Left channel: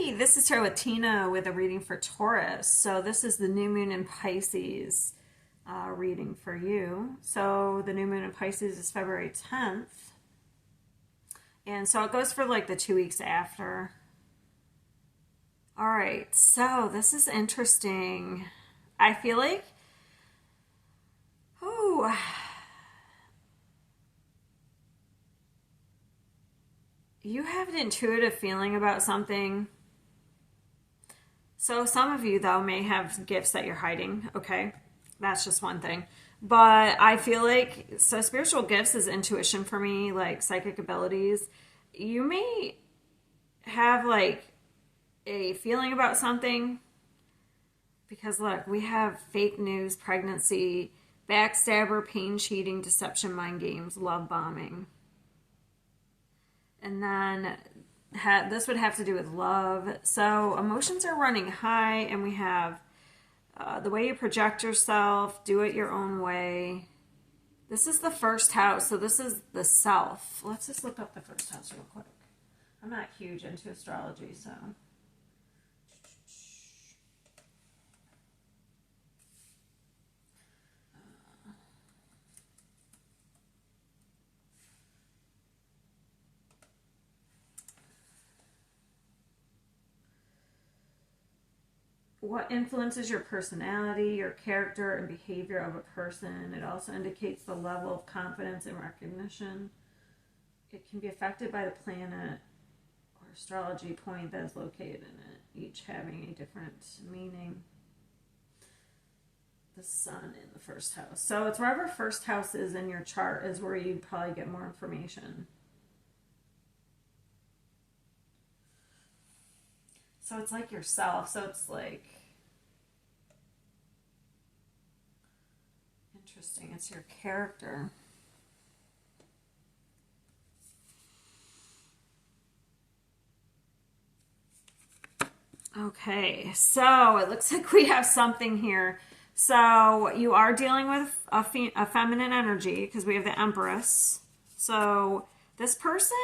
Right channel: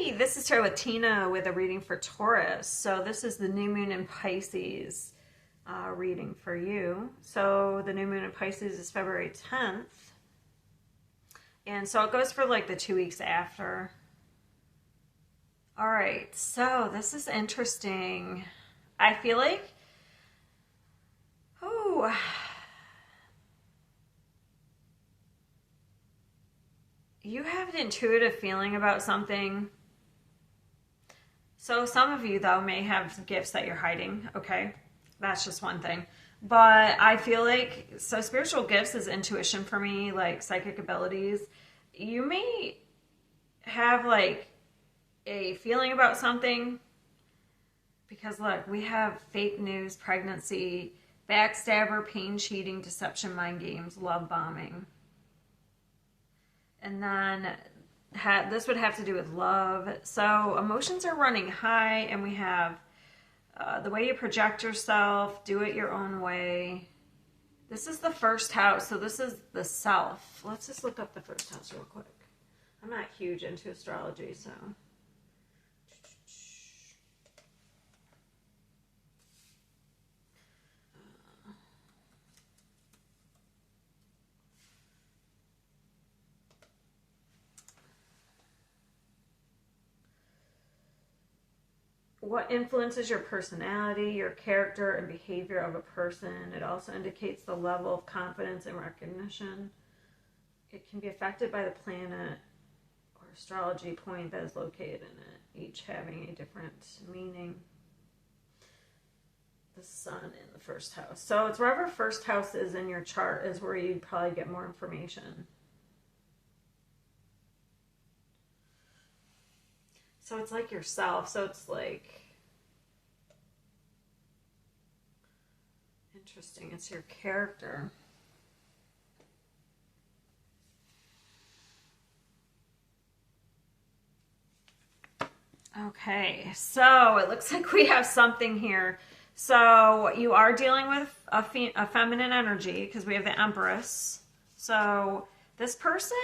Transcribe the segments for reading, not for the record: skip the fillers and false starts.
Hi, this is Tarot with Tina with a reading for Taurus. So this is the new moon in Pisces reading for you. So the new moon in Pisces is February 10th. And so it goes for like the 2 weeks after. All right, so this is interesting. I feel like, you have an intuitive feeling about something. So some of you, though, may have gifts that you're hiding, okay? That's just one thing. But I feel like, so spiritual gifts is intuition for me, like psychic abilities. You may have like a feeling about something because look, we have fake news, pregnancy, backstabber, pain, cheating, deception, mind games, love bombing. And then this would have to do with love. So emotions are running high, and we have the way you project yourself, do it your own way. This is the first house, so this is the self. Let's just look up the first house real quick. I'm not huge into astrology, so... What influences your personality, your character, and behavior of a person. It also indicates the level of confidence and recognition. It can be affected by the planet or astrology point that is located in it, each having a different meaning. The sun in the first house. So it's wherever first house is in your chart is where you probably get more information. So it's like yourself. So it's like... Interesting. It's your character. Okay. So it looks like we have something here. So you are dealing with a feminine energy because we have the Empress. So this person,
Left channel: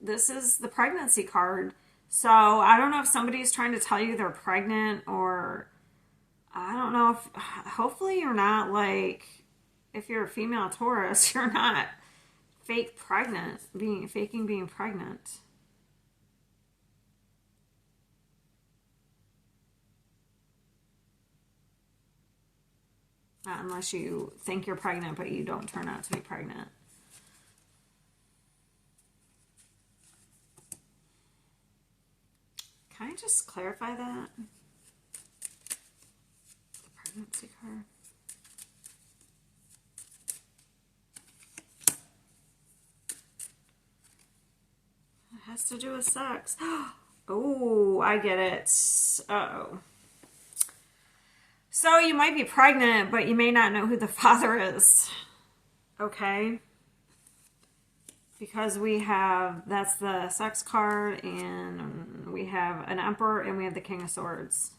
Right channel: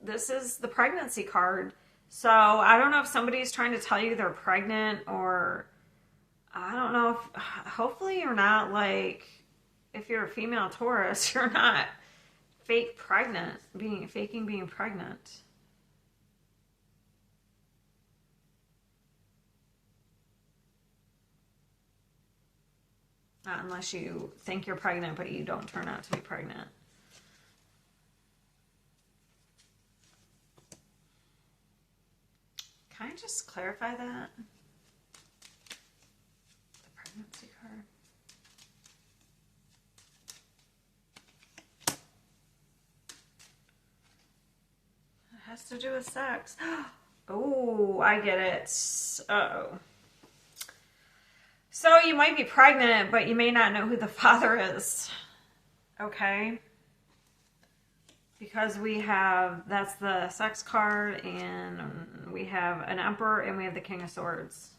this is the pregnancy card. So I don't know if somebody's trying to tell you they're pregnant, or I don't know if, hopefully you're not like, if you're a female Taurus, you're not faking being pregnant. Not unless you think you're pregnant, but you don't turn out to be pregnant. Can I just clarify that? The pregnancy card. It has to do with sex. Oh, I get it. Uh-oh. So you might be pregnant, but you may not know who the father is. Okay? Because we have, that's the sex card, and we have an Emperor, and we have the King of Swords.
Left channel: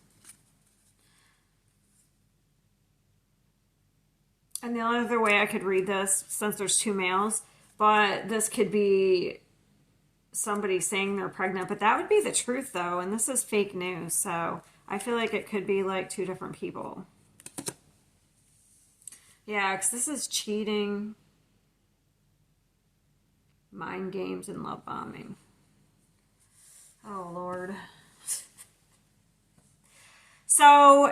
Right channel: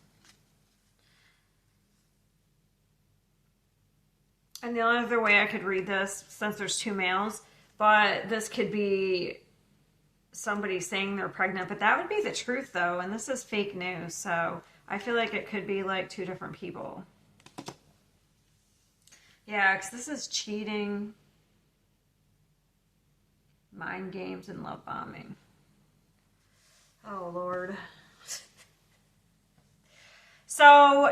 And the only other way I could read this, since there's two males, but this could be somebody saying they're pregnant, but that would be the truth, though, and this is fake news, so I feel like it could be like two different people. Yeah, because this is cheating, mind games, and love bombing. Oh, Lord. So,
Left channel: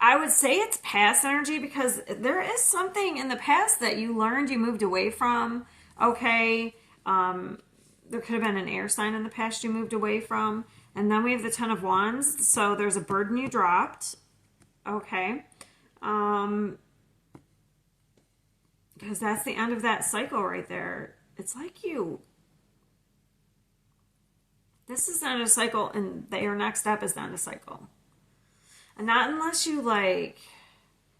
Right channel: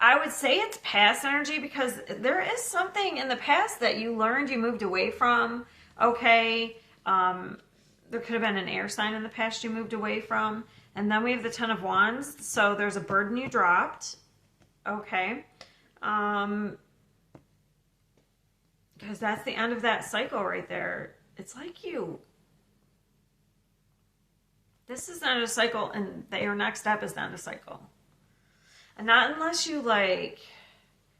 I would say it's past energy because there is something in the past that you learned, you moved away from. Okay, there could have been an air sign in the past you moved away from. And then we have the Ten of Wands. So there's a burden you dropped. Okay. Because that's the end of that cycle right there. It's like this is the end of the cycle, and your next step is the end of the cycle. And not unless you like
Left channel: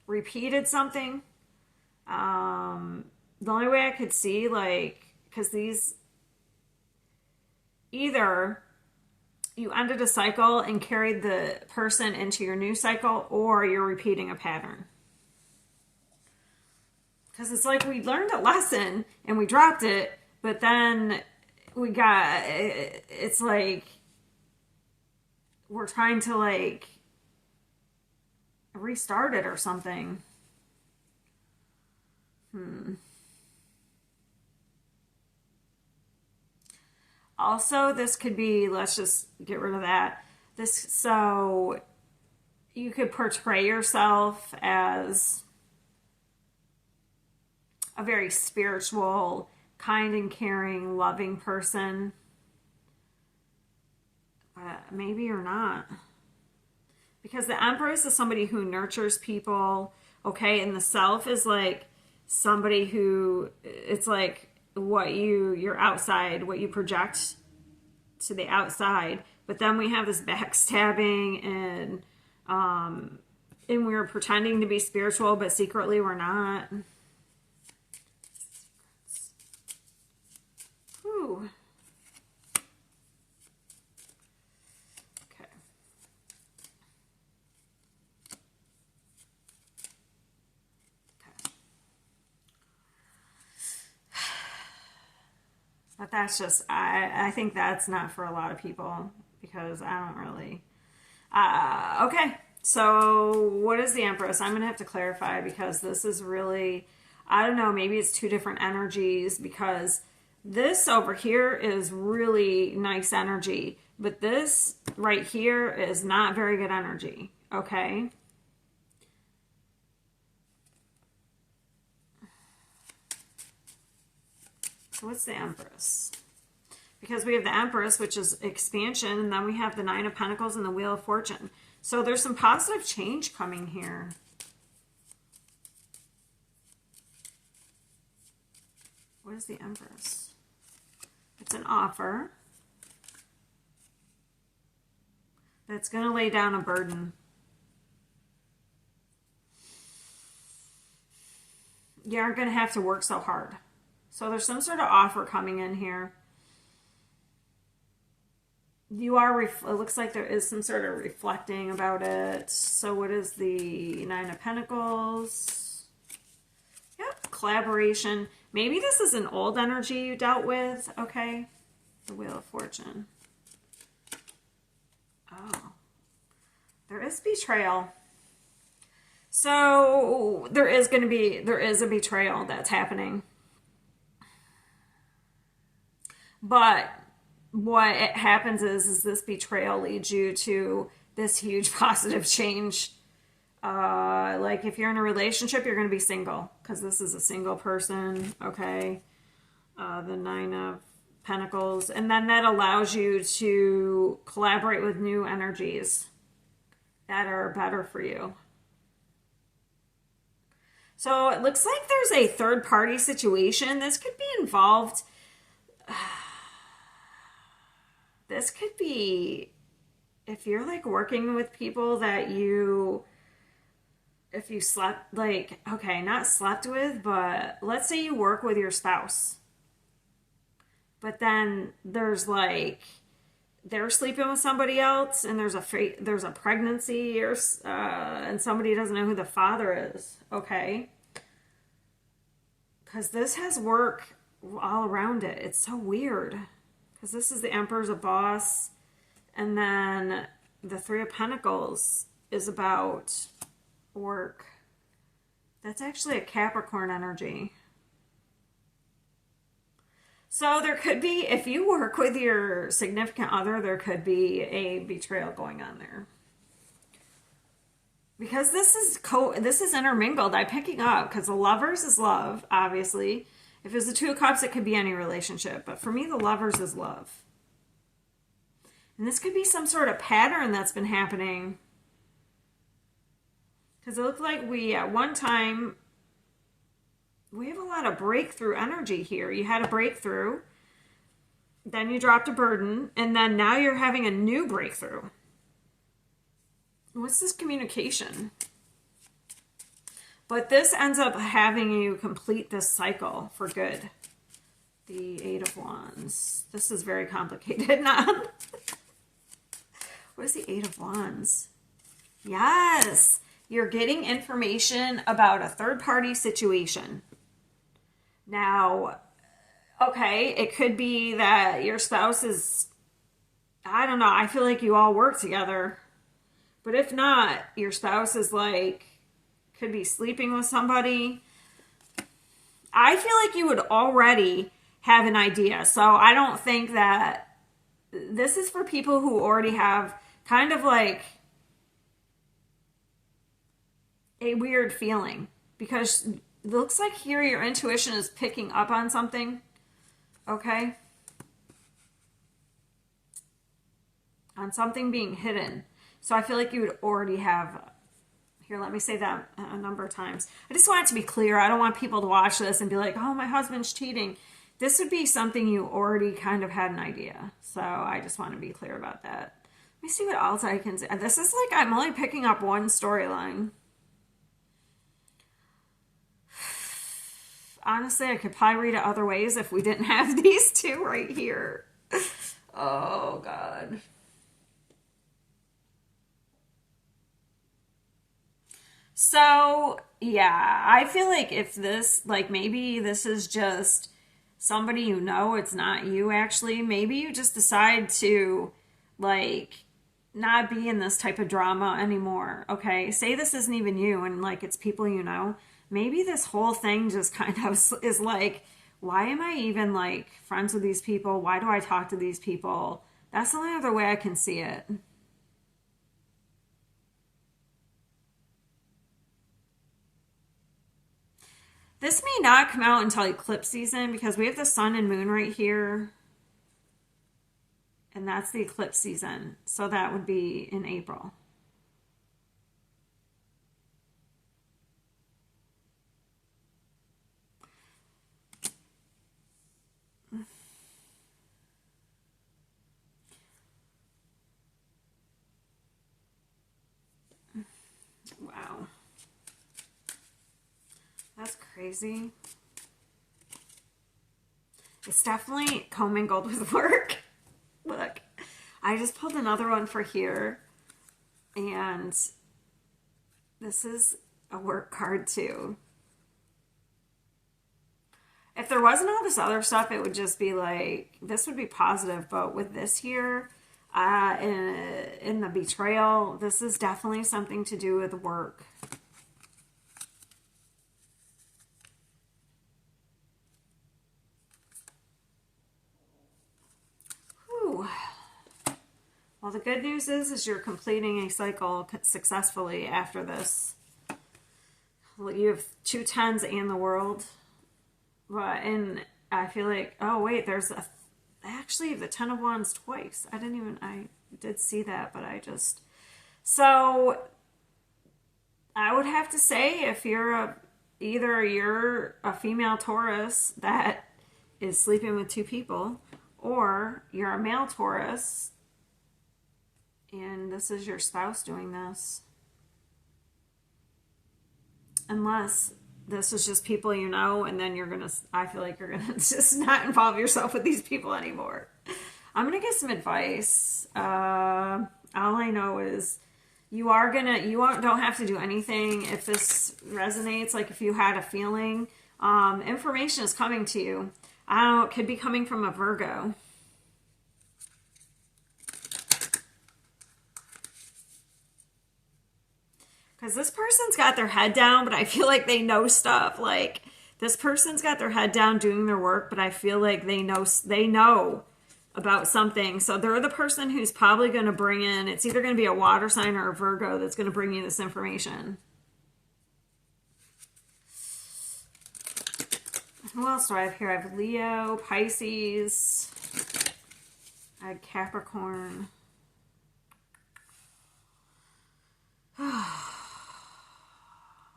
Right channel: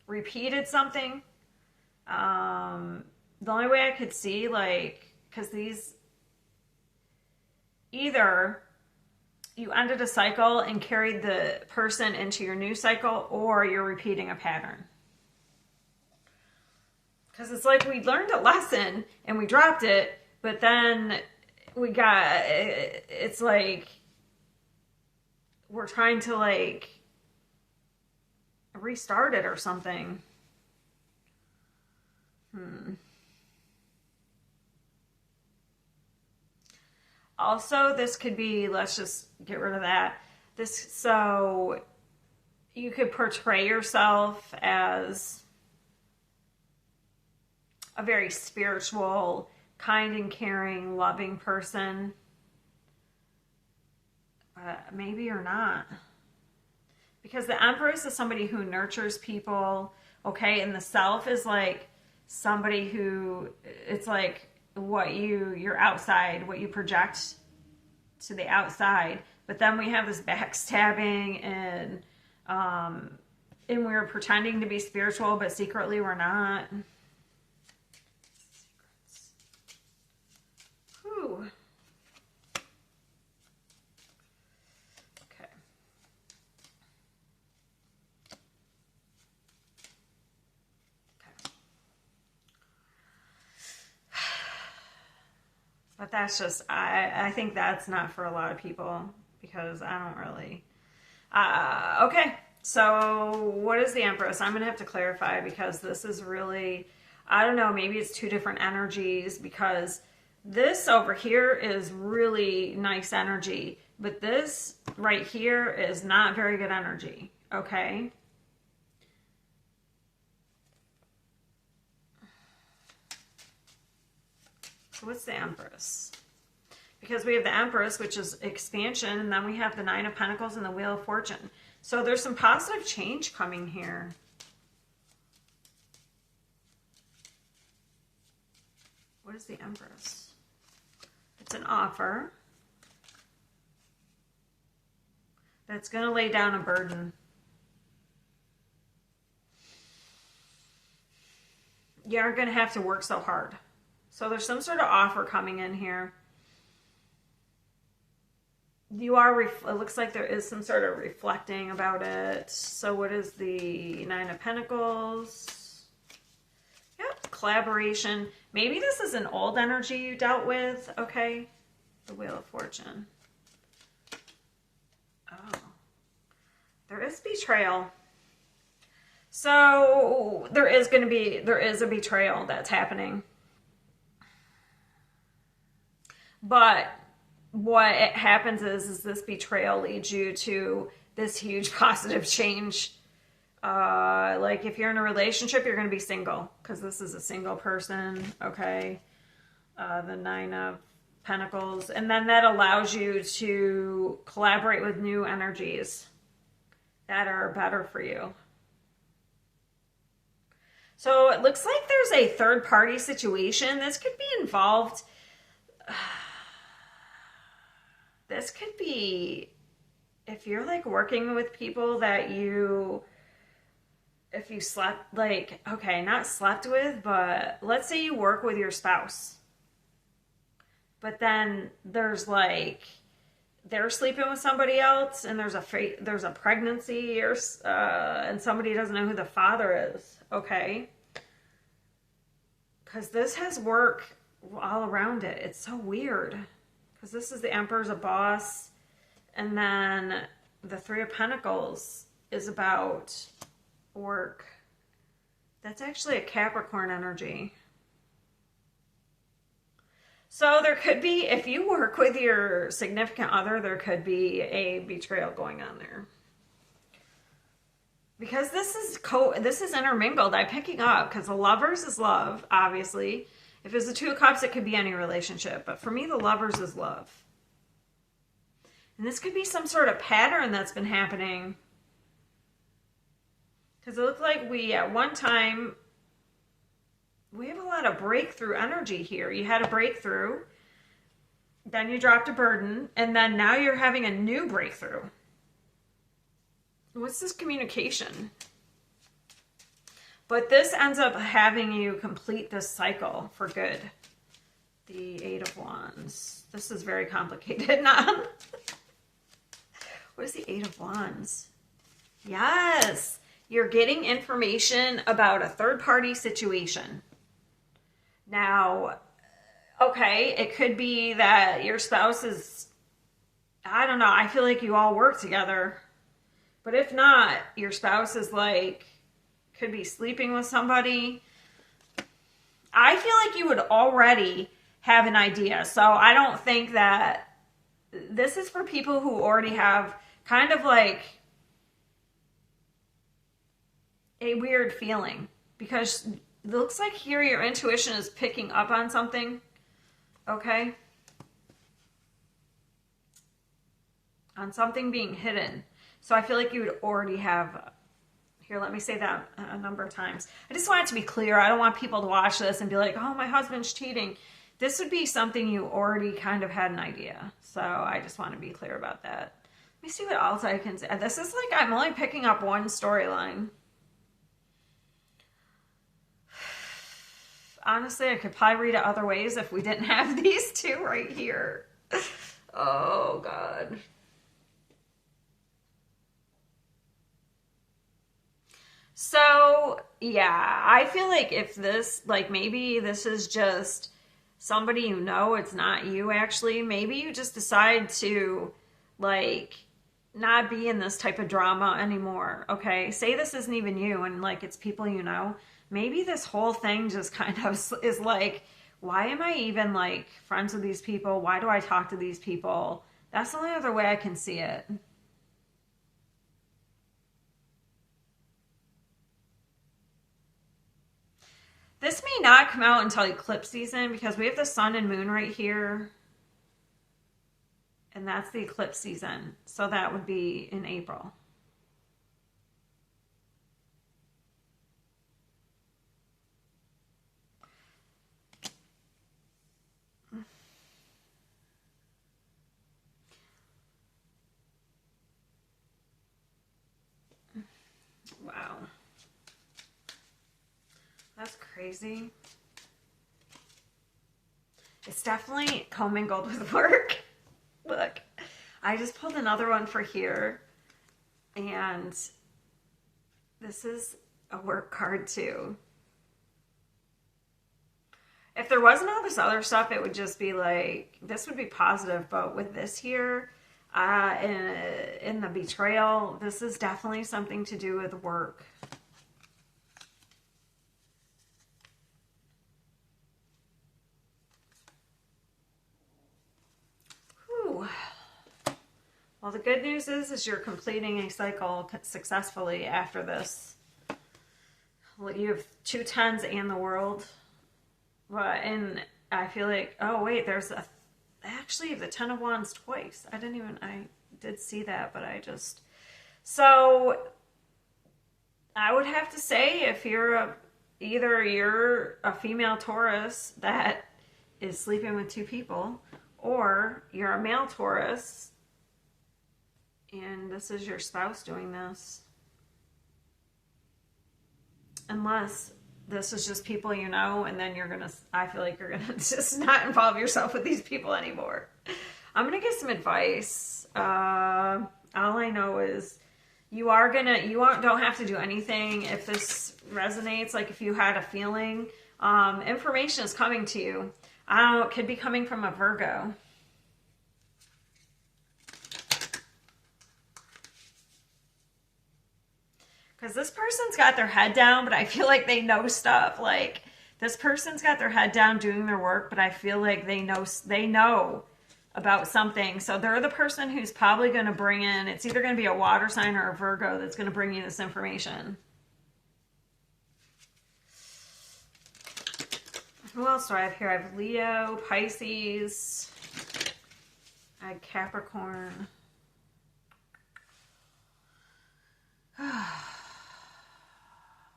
repeated something. The only way I could see, like, because these, either you ended a cycle and carried the person into your new cycle, or you're repeating a pattern. Because it's like we learned a lesson and we dropped it, but then it's like we're trying to like restart it or something. Also, this could be, let's just get rid of that. So you could portray yourself as a very spiritual, kind and caring, loving person. But maybe you're not. Because the Empress is somebody who nurtures people, okay? And the Self is like somebody who, it's like you're outside, what you project to the outside. But then we have this backstabbing and we're pretending to be spiritual, but secretly we're not. Whew. Okay. But that's just, I think that's not for a lot of people because I don't really. Okay, so what is the Empress? I'm going to have to clarify because this is really, I don't know, maybe it's two different energies because this over here is really nice energy, but this right here is not very good energy, okay? So what's the Empress? Because we have the Empress, which is expansion, and then we have the Nine of Pentacles and the Wheel of Fortune. So there's some positive change coming here. What is the Empress? It's an offer that's going to lay down a burden. You aren't going to have to work so hard. So there's some sort of offer coming in here. You are, it looks like there is some sort of reflecting about it. So what is the Nine of Pentacles? Yep, collaboration. Maybe this is an old energy you dealt with, okay? The Wheel of Fortune. Oh, there is betrayal. So there is a betrayal that's happening. But what happens is this betrayal leads you to this huge positive change. Like if you're in a relationship, you're going to be single because this is a single person, okay? The Nine of Pentacles. And then that allows you to collaborate with new energies that are better for you. So it looks like there's a third party situation. This could be involved. This could be if you're like working with people that if you slept, like, okay, not slept with, but let's say you work with your spouse. But then there's like, they're sleeping with somebody else and there's a pregnancy or, and somebody doesn't know who the father is, okay? Because this has work all around it. It's so weird. Because this is the Emperor's a boss. And then the Three of Pentacles is about work. That's actually a Capricorn energy. So there could be, if you work with your significant other, there could be a betrayal going on there. Because this is intermingled. I'm picking up because the Lovers is love, obviously. If there's the Two of Cups, it could be any relationship. But for me, the Lovers is love. And this could be some sort of pattern that's been happening. Because it looked like at one time, we have a lot of breakthrough energy here. You had a breakthrough. Then you dropped a burden. And then now you're having a new breakthrough. What's this communication? But this ends up having you complete this cycle for good. The Eight of Wands. This is very complicated. What is the Eight of Wands? Yes. You're getting information about a third-party situation. Now, okay, it could be that your spouse is I don't know. I feel like you all work together. But if not, your spouse is like, could be sleeping with somebody. I feel like you would already have an idea. So I don't think that this is for people who already have kind of like a weird feeling, because it looks like here your intuition is picking up on something. Okay? On something being hidden. So I feel like you would already have. Here, let me say that a number of times. I just want it to be clear. I don't want people to watch this and be like, oh, my husband's cheating. This would be something you already kind of had an idea. So I just want to be clear about that. Let me see what else I can say. This is like, I'm only picking up one storyline. Honestly, I could probably read it other ways if we didn't have these two right here. Oh, God. So, yeah, I feel like if this, like maybe this is just somebody you know, it's not you actually. Maybe you just decide to, like, not be in this type of drama anymore, okay? Say this isn't even you and, like, it's people you know. Maybe this whole thing just kind of is like, why am I even, like, friends with these people? Why do I talk to these people? That's the only other way I can see it. This may not come out until eclipse season because we have the sun and moon right here. And that's the eclipse season. So that would be in April. Wow. That's crazy. It's definitely commingled with work. Look, I just pulled another one for here. And this is a work card too. If there wasn't all this other stuff, it would just be like, this would be positive. But with this here, in the betrayal, this is definitely something to do with work. Whew. Well, the good news is you're completing a cycle successfully after this. Well, you have 2 tens and the world. And I feel like, oh wait, there's actually the 10 of wands twice. I did see that, but so I would have to say if you're either you're a female Taurus that is sleeping with 2 people, or you're a male Taurus and this is your spouse doing this. Unless this is just people you know, and then I feel like you're gonna just not involve yourself with these people anymore. I'm gonna get some advice. All I know is you don't have to do anything if this resonates. Like if you had a feeling, information is coming to you. I don't know, it could be coming from a Virgo. Because this person's got their head down, but I feel like they know stuff. Like, this person's got their head down doing their work, but I feel like they know about something. So they're the person who's probably going to bring in, it's either going to be a water sign or a Virgo that's going to bring you this information. Who else do I have here? I have Leo, Pisces, I had Capricorn.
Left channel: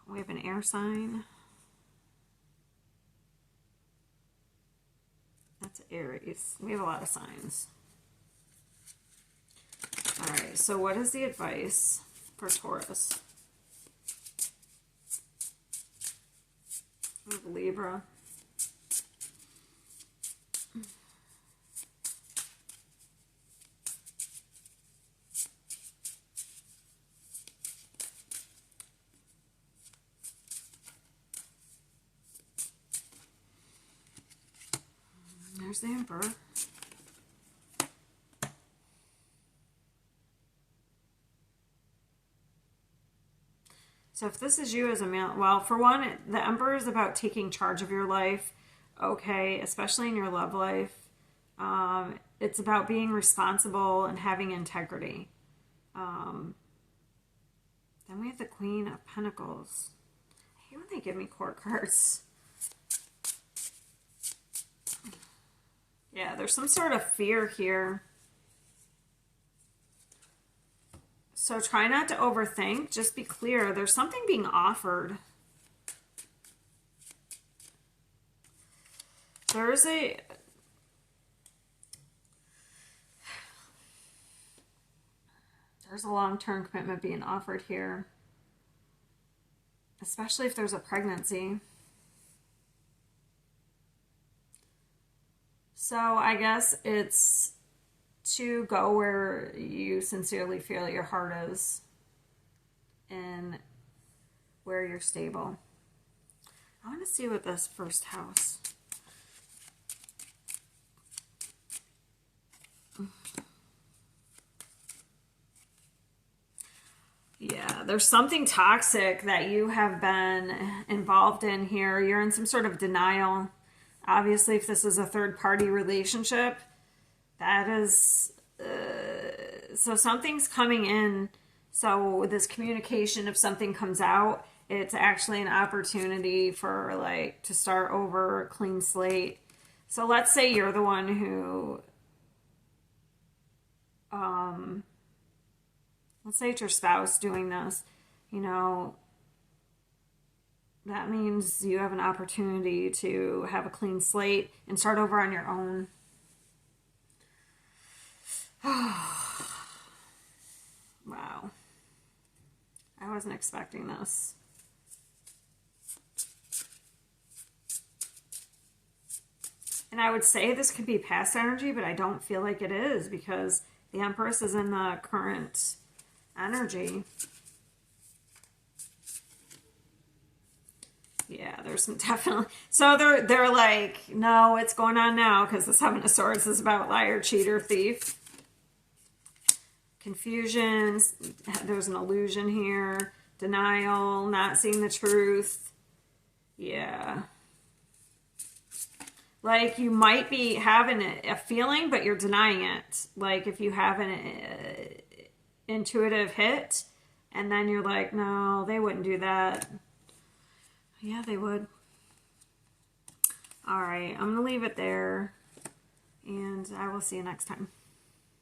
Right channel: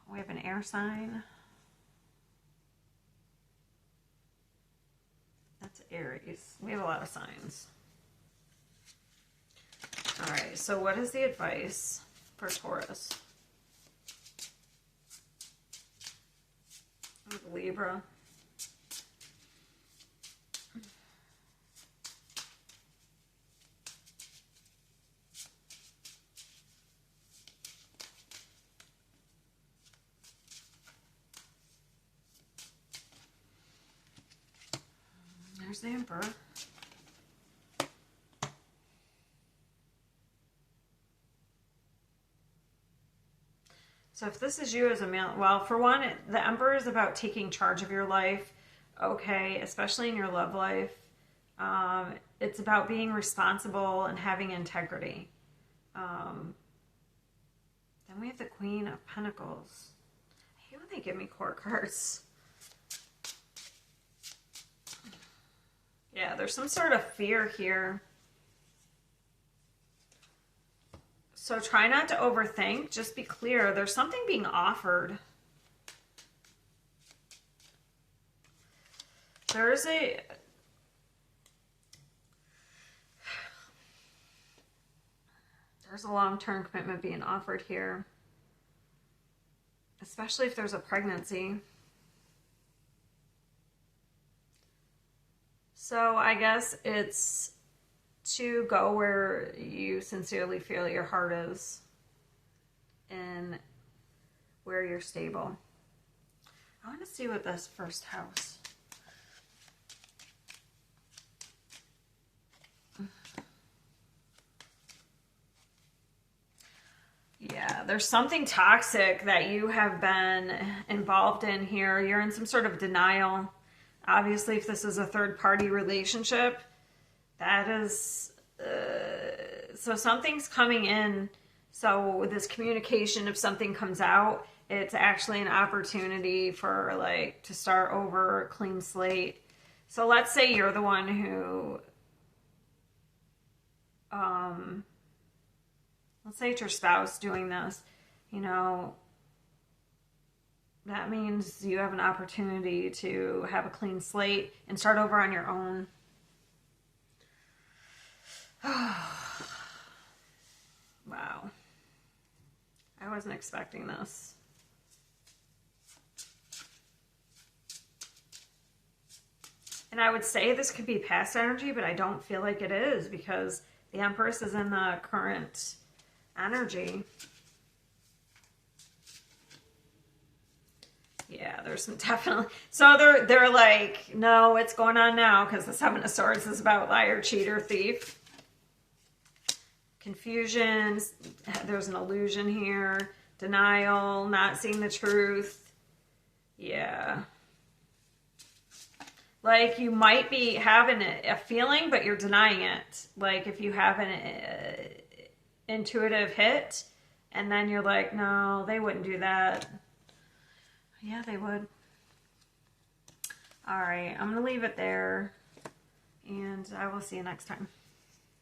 We have an air sign. That's Aries. We have a lot of signs. All right, so what is the advice for Taurus? We have Libra. There's the Emperor. So if this is you as a male, well, for one, the Emperor is about taking charge of your life, okay, especially in your love life. It's about being responsible and having integrity. Then we have the Queen of Pentacles. I hate when they give me court cards. Yeah, there's some sort of fear here. So try not to overthink. Just be clear. There's something being offered. There's a long-term commitment being offered here, especially if there's a pregnancy. So I guess it's to go where you sincerely feel your heart is and where you're stable. I want to see what this first house. Yeah, there's something toxic that you have been involved in here. You're in some sort of denial. Obviously, if this is a third-party relationship, that is, so something's coming in. So with this communication, if something comes out, it's actually an opportunity for like to start over, a clean slate. So let's say you're the one who, let's say it's your spouse doing this, you know, that means you have an opportunity to have a clean slate and start over on your own. Wow. I wasn't expecting this. And I would say this could be past energy, but I don't feel like it is because the Empress is in the current energy. Yeah, there's some definitely. So they're like, no, it's going on now because the Seven of Swords is about liar, cheater, thief. Confusion. There's an illusion here. Denial, not seeing the truth. Yeah. Like you might be having a feeling, but you're denying it. Like if you have an intuitive hit, and then you're like, no, they wouldn't do that. Yeah, they would. All right, I'm going to leave it there, and I will see you next time.